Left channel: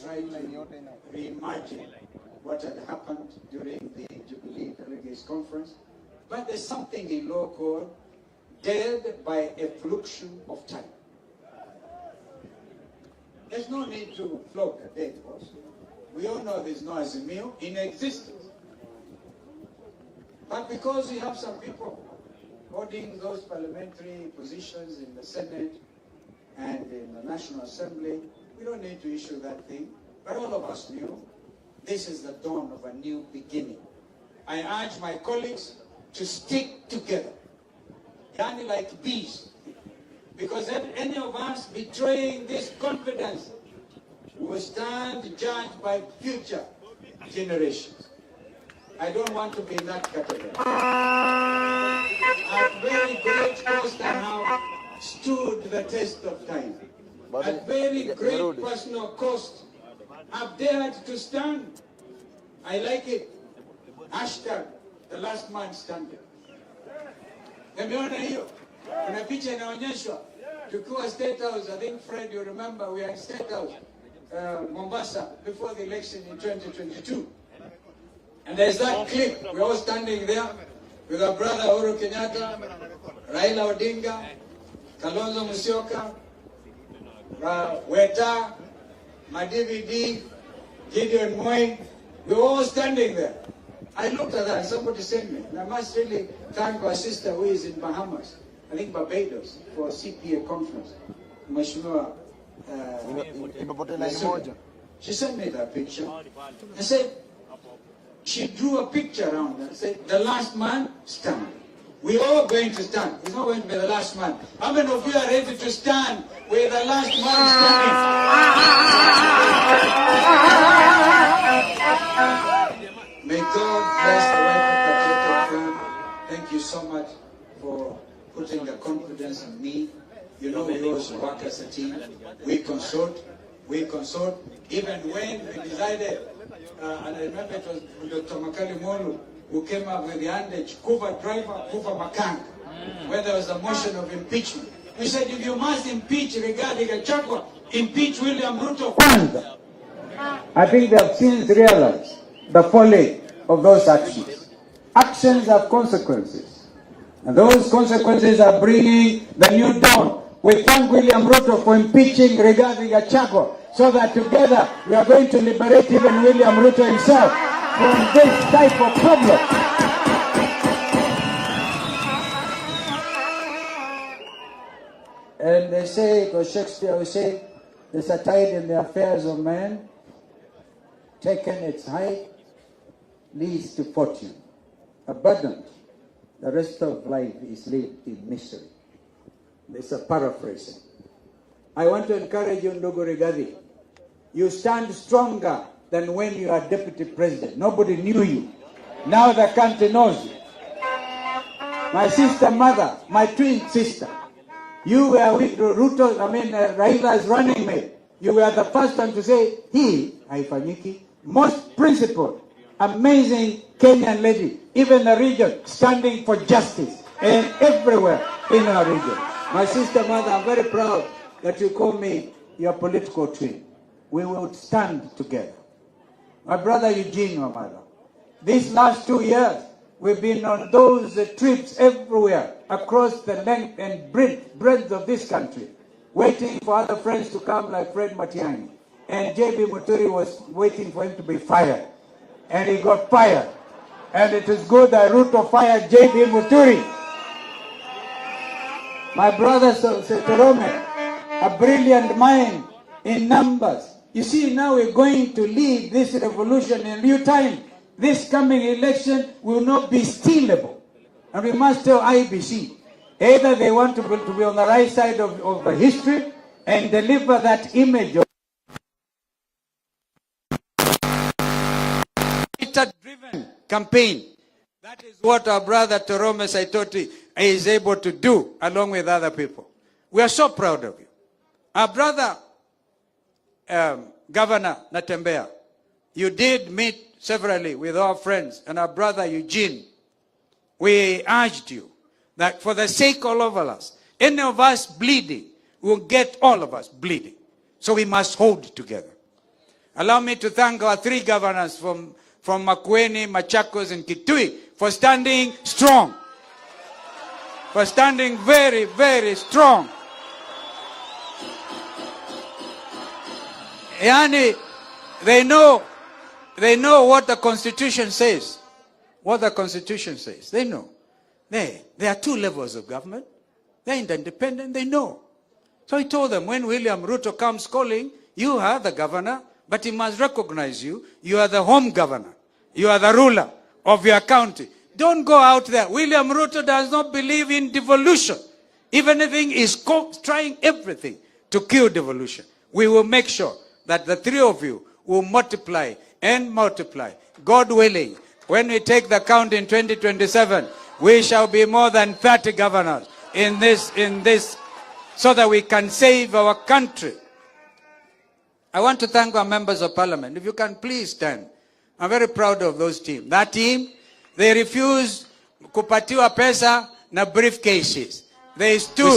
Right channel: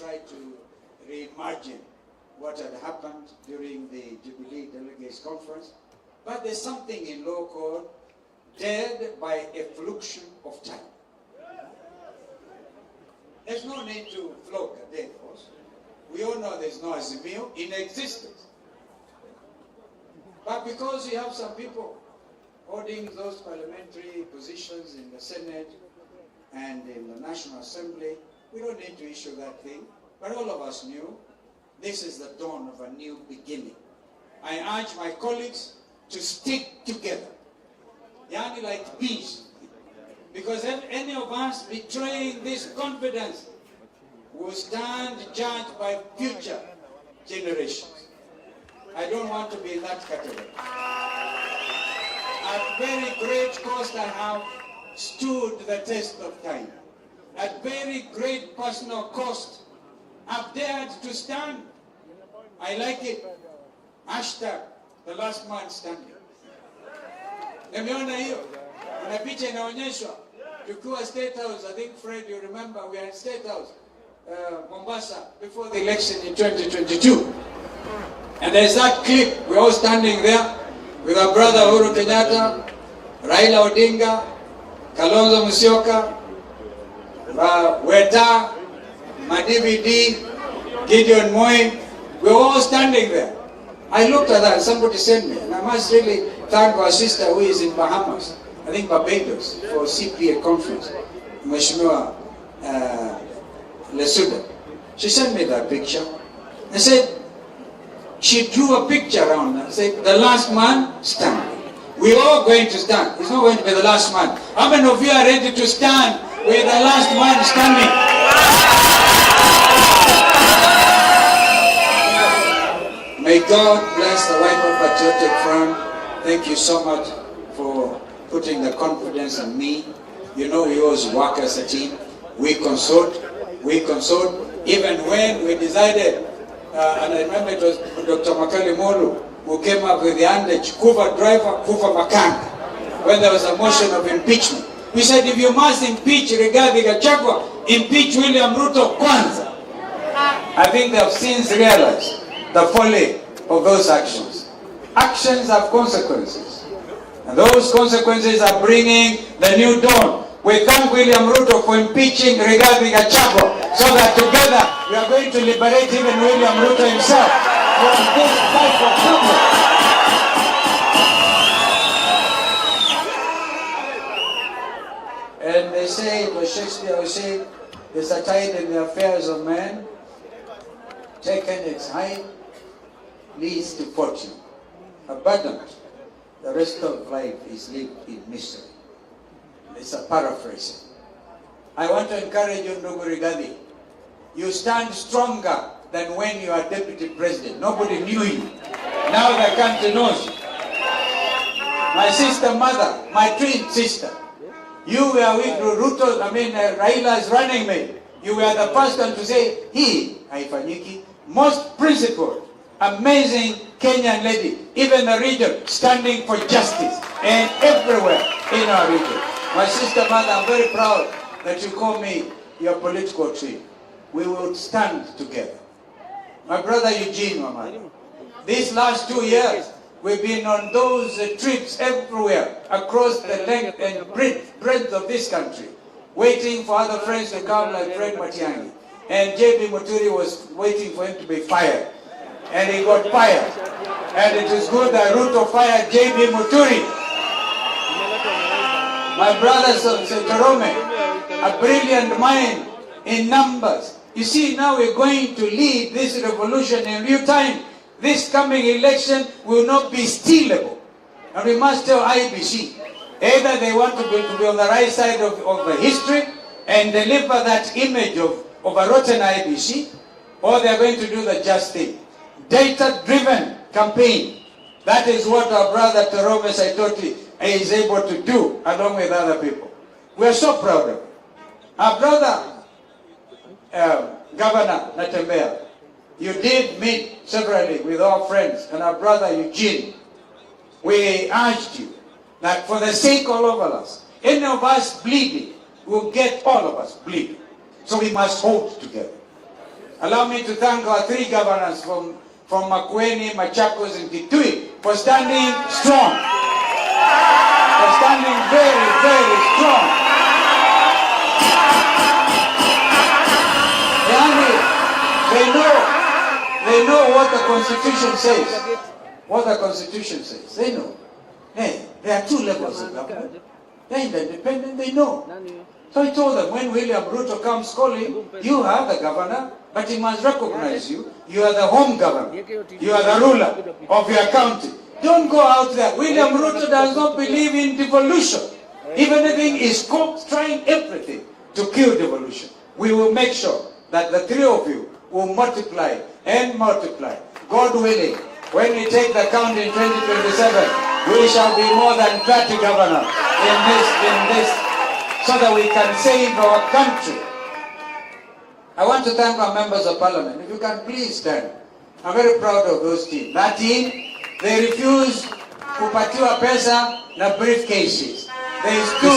try to reimagine what had happened during the Jubilee Delegates Conference. But there's something in law called dead by effluxion of time. There's no need to flog a dead horse. We all know there's no Azimio in existence. But because you have some people holding those parliamentary positions in the Senate and in the National Assembly, we don't need to issue that thing. But all of us knew this is the dawn of a new beginning. I urge my colleagues to stick together, yani like bees. Because if any of us betraying this confidence will stand judged by future generations. I don't want to be in that category. At very great cost I have stood the test of time. At very great personal cost, I've dared to stand. I like it. Hashtag, the last man standing. Nimeona hiyo. Kuna picha inaonyeshwa. Tukiwa State House, I think Fred, you remember, we had State House, Mombasa, before the election in 2022. And there's that clip. We're all standing there with our brother Uhuru Kenyatta, Raila Odinga, Kalonzo Musyoka, Weta, Madividi, Gideon Moi. We're all standing there. I looked at that, somebody sent me, and I must really thank our sister who is in Bahamas, I think Barbados, for CPA conference, Mheshimiwa Lesuda. She sent me that picture and said, she drew a picture around and said, the last man standing. We're all going to stand. It's not going to be the last man. How many of you are ready to stand with the last man standing? May God bless the wife of Patriotic Front. Thank you so much for putting the confidence in me. You know, we always work as a team. We consult. Even when we decided, and I remember it was Dr. Makali Molu who came up with the adage, Kuva driver, Kuva makanga, when there was a motion of impeachment. We said, if you must impeach Rigathi Gachagua, impeach William Ruto kwanza. I think they have since realized the folly of those actions. Actions have consequences. And those consequences are bringing the new dawn. We thank William Ruto for impeaching Rigathi Gachagua, so that together we are going to liberate even William Ruto himself from this type of problem. And they say, it was Shakespeare who said, there's a tide in the affairs of man, taken its height, leads to fortune. Abundant, the rest of life is lived in mystery. It's a paraphrasing. I want to encourage you, Ndugu Rigathi. You stand stronger than when you are deputy president. Nobody knew you. Now the country knows you. My sister mother, my twin sister, you were with Ruto, Raila's running mate. You were the first one to say, he, haifanyiki, most principled, amazing Kenyan lady, even the region, standing for justice, and everywhere in our region. My sister mother, I'm very proud that you call me your political twin. We will stand together. My brother Eugene, Mamadi, these last 2 years, we've been on those trips everywhere, across the length and breadth of this country, waiting for other friends to come like Fred Matiang'I. And J.B. Muturi was waiting for him to be fired. And he got fired. And it is good that Ruto fired J.B. Muturi. My brother Setorome, a brilliant mind in numbers. You see, now we're going to lead this revolution in due time. This coming election will not be stealable. And we must tell IBC, either they want to be on the right side of the history and deliver that image of a rotten IBC, or they're going to do the just thing. Data-driven campaign. That is what our brother Torome Saitoti is able to do along with other people. We are so proud of it. Our brother, Governor Natembea, you did meet severally with our friends and our brother Eugene. We urged you that for the sake of all of us, any of us bleeding will get all of us bleeding. So we must hold together. Allow me to thank our 3 governors from Makueni, Machakos, and Kitui for standing strong. For standing very, very strong. Yani, they know what the Constitution says. What the Constitution says. They know. There are 2 levels of government. They're independent, they know. So I told them, when William Ruto comes calling, you are the governor, but he must recognize you. You are the home governor. You are the ruler of your county. Don't go out there. William Ruto does not believe in devolution. Even if he is trying everything to kill devolution, we will make sure that the 3 of you will multiply and multiply. God willing, when we take the count in 2027, we shall be more than 30 governors in this, so that we can save our country. I want to thank our members of parliament. If you can please stand. I'm very proud of those team. That team, they refused kupatiwa pesa na briefcases. They stood.